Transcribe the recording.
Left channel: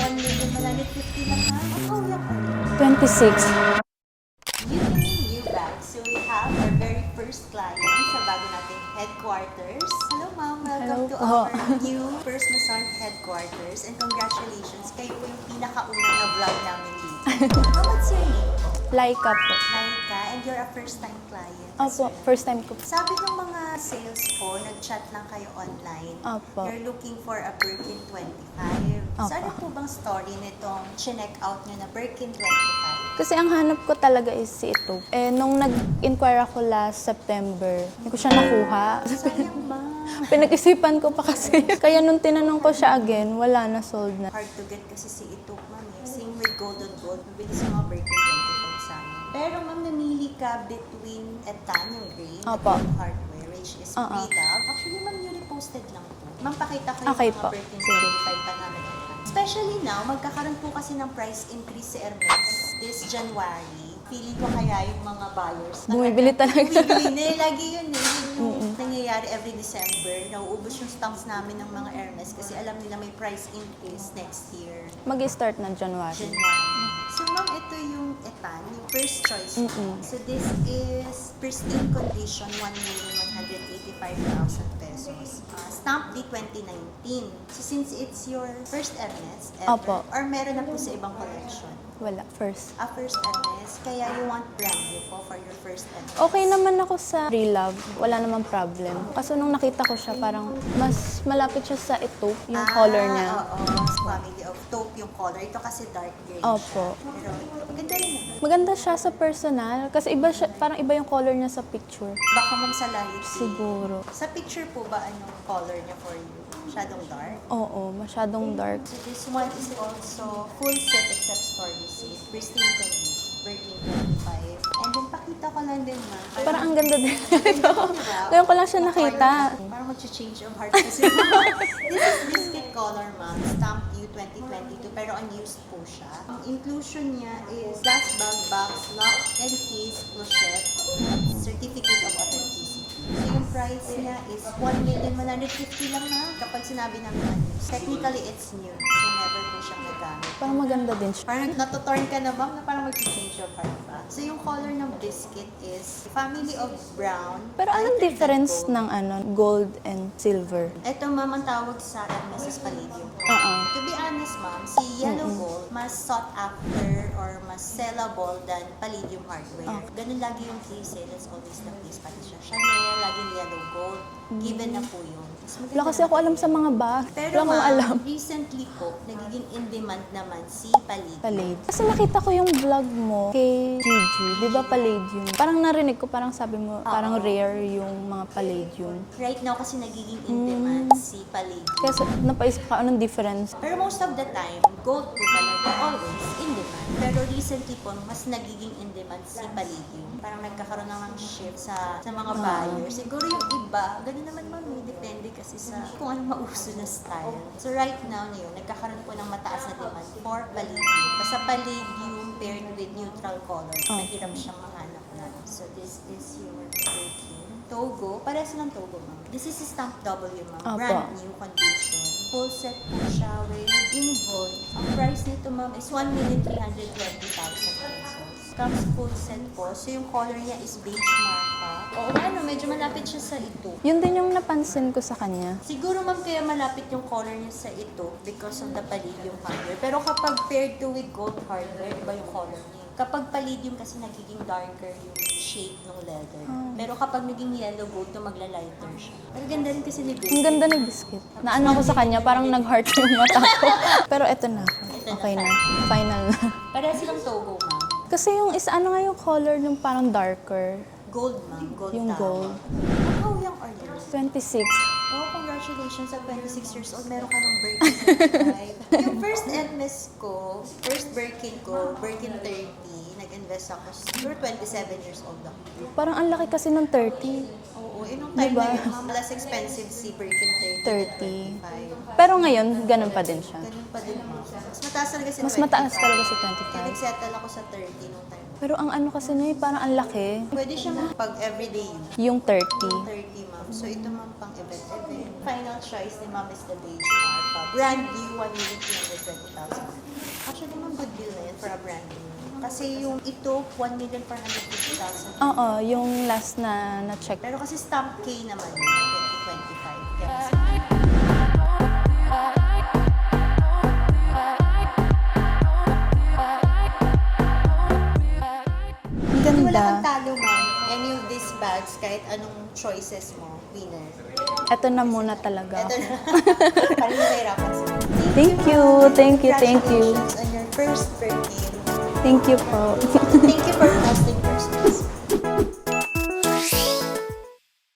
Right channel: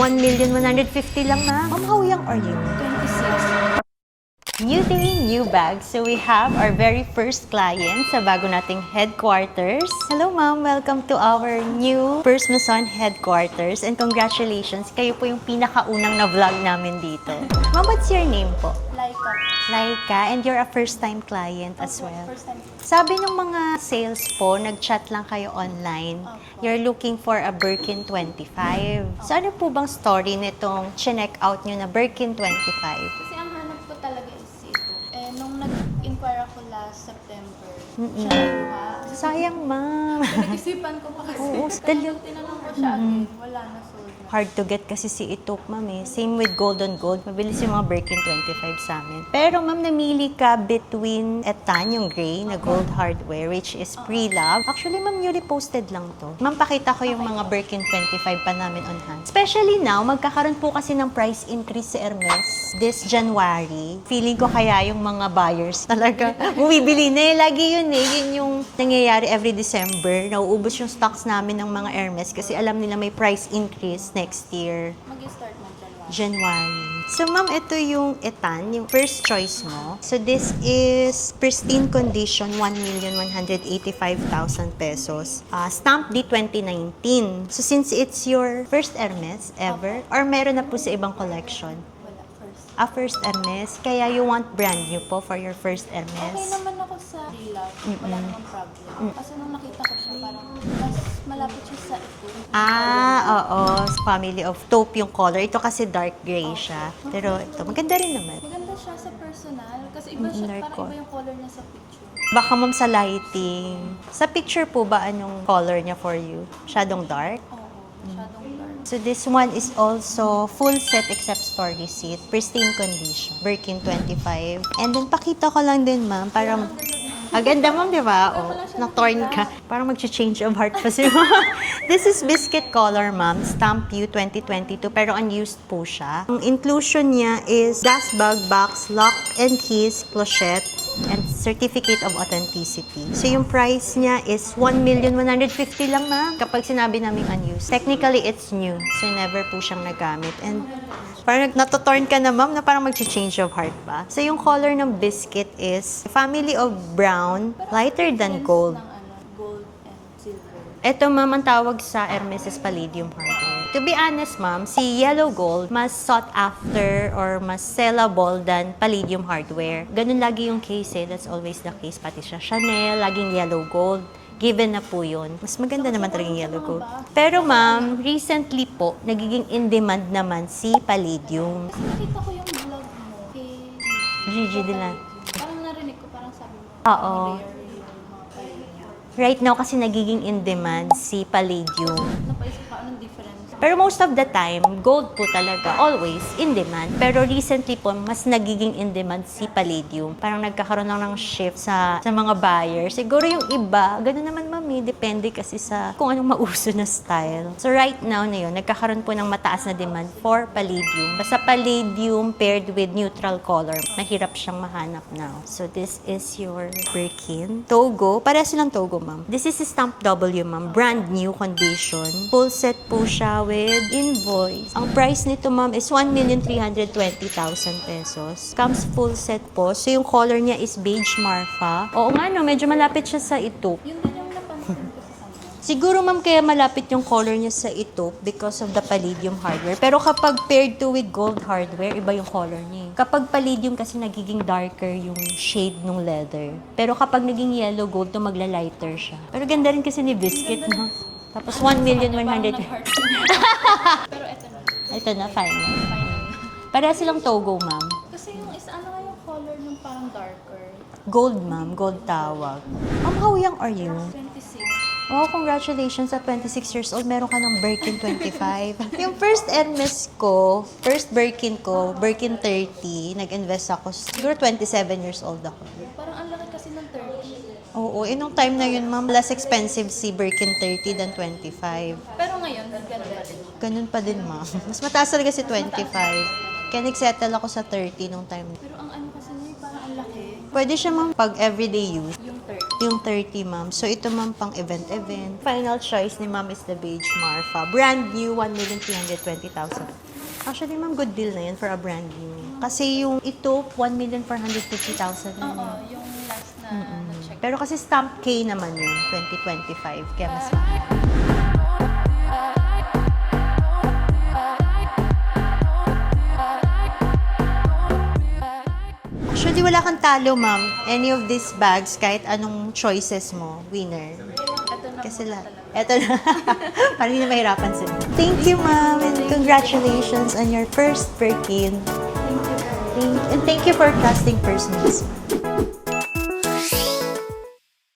1,150,000 lang, ma'am. How young are you? 26. New day, new bag. So we have our very first client sa bago nating headquarters. Hello, ma'am. Welcome to our new First Maison headquarters. And congratulations, kayo po yung pinakaunang na vlog namin dito. Ma'am, what's your name po? Laika po. Laika, and you're a first-time client as Opo, well. first time ko. Sabi ng mga sales po, nag-chat lang kayo online. Opo. You're looking for a Birkin 25. So ano po bang story nitong chinek out nyo na Birkin 25? Kasi ang hanap ko talaga is si ito. Eh, nung nag-inquire ako last September, hindi ko siya nakuha. Sayang, ma'am. Pinag-isipan ko pa kasi. Kaya nung tinanong ko siya again, wala na, sold na. Hard to get kasi si Itok, ma'am eh. Same with Gold on Gold. Mabilis yung mga Birkin 25 sa amin. Pero ma'am, namili ka between Etan, yung gray, na Opo. gold hardware, which is pre-love. Actually, ma'am, newly posted lang to. Ma'am, pakita ko yung Okay mga po. Birkin 25 pa namin on hand. Especially now, magkakaroon po kasi ng price increase sa Hermes this January. Feeling ko kaya yung mga buyers Bumibili talaga. bumibili na eh. Lagi yun eh. Yun yung nangyayari every December. Nauubos yung stocks namin ng mga Hermes kasi alam nila may price increase next year. Mag-start na January. January. So, ma'am, ito yung Etan, yung first choice mo. So, this is pristine condition, 1,185,000 pesos. Stamp D 2019. So, since it's your first Hermes ever, Opo. or meron na po sa ibang collection? Wala, first. First Hermes, kaya you want brand new po for your first Hermes? Okay naman ako sa pre-love. Wala namang problem. Kaso nung nakita ko siya, parang mas malapit siya sa ito, yung color niya. Oo. Family of taupe yung color. Ito kasi dark gray Opo. siya. Pero ito, maganda rin naman. Maganda siya sa personal. Kasi iba siya, Dark parang po. iba yung color niya sa picture. Baka ma'am sa lighting. Siguro. Sa picture po ba, anong color niya for you? Shadong dark? Oo, masyadong dark. So this one is also full set except story seat. Pristine condition. Birkin 25. And then pakita ko lang din ma'am. Parang ang ganda din. Maganda ma'am, di ba? Ngayon ko lang siya Na-torn nakita. ka. Parang mag-change of heart pa siya. This is biscuit color, ma'am. Stamp U 2022, pero unused po siya. Ang inclusion niya is gas bag, box, lock and keys, clochette, and certificate of authenticity. So yung price niya is 1,150,000 lang, ma'am. Kapag sinabi namin unused. Technically, it's new. So never po siyang nagamit. Ang And maganda din siya. parang natotorn ka na, ma'am, na parang mag-change of heart pa. So, yung color ng biscuit is family of brown, Pero lighter anong than difference gold. ng gold and silver? Ito, ma'am, ang tawag sa Hermes is palladium hardware. To be honest, ma'am, si yellow gold mas sought after or mas sellable than palladium hardware. Ganun lagi yung case eh. That's always the case. Pati siya Chanel, laging yellow gold. Given na po yun. Mas maganda Wala kasi naman ako talaga alam yung sa yellow mga gold. bag. Pero Wala akong ma'am, alam. recently po, nagiging in demand naman si palladium. Kasi nakita ko yung vlog mo kay Gigi. Gigi Di ba Dilan. palladium? Parang narinig ko, parang sabi mo, parang rare yung mga palladium. Right now kasi nagiging in demand si palladium. Kasi napaisip ka, anong difference? Pero most of the time, gold po talaga, always in demand. Pero recently po, mas nagiging in demand si palladium. Parang nagkakaroon lang ng shift sa mga buyers. Siguro yung iba, gano'n naman mami, depende kasi sa kung anong mauso na style. So right now na yun, nagkakaroon po ng mataas na demand for palladium. Basta palladium paired with neutral color, mahirap siyang mahanap now. So this is your Birkin. Togo, para silang Togo ma'am. This is stamp W ma'am, brand new condition. Full set po siya with invoice. Ang price nito ma'am is 1,320,000 pesos. Comes full set po. So yung color niya is beige marfa. Oo nga no, medyo malapit siya sa ito. Yun din yung napansin ko sa kanya. Siguro ma'am kaya malapit yung color niya sa ito because of the palladium hardware. Pero kapag paired to with gold hardware, iba yung color niya. Kapag palladium kasi nagiging darker yung shade ng leather. Pero kapag naging yellow gold, to magla-lighter siya. Pero ganda rin kasi ni Ang Biscuit. ganda ni no? Biscuit. Tapos Naano ko sa kanya, parang 1,100,000. nag-heart yung mata ko. Pero eto na. Ito na, Okay final. Final na. Para silang Togo, ma'am. Kasi yung isa, ano nga yung color yung parang darker? Gold, ma'am. Gold Yung tawag. How young are you? 26. Oh, congratulations at 26 years old. Meron ka ng Birkin 25. Yung first Hermes ko, first Birkin ko, Birkin 30. Nag-invest ako. Siguro 27 years old ako. Parang ang laki kasi ng 30. Oo, nung time na yun, ma'am, less expensive si Birkin 30 than 25. Pero ngayon, ganun pa din siya. Ganun pa din, ma'am. Mas mataas talaga si Mas 25. mataas talaga si 25. Kaya nag-settle ako sa 30 nung time. Pero ang ano kasi na parang ang laki. Pwede siya, ma'am, pag everyday use. Yung 30. Yung 30, ma'am. So, ito, ma'am, pang event-event. Final choice ni ma'am is the beige Marfa. Brand new, 1,320,000. Actually, ma'am, good deal na yun for a brand new. Kasi yung ito, 1,450,000. Oo, yung last na na-check. Pero kasi stamp K naman yun, 2025. Kaya mas Actually, wala kang talo, ma'am. Any of these bags, kahit anong choices mo, winner. Ito na Kasi muna na- talaga. Ito na. Parang hindi mahirapan sila. Thank Thank you, ma'am. you. Thank you, thank you. Congratulations on your first Birkin. Thank you po. Thank you for trusting persons.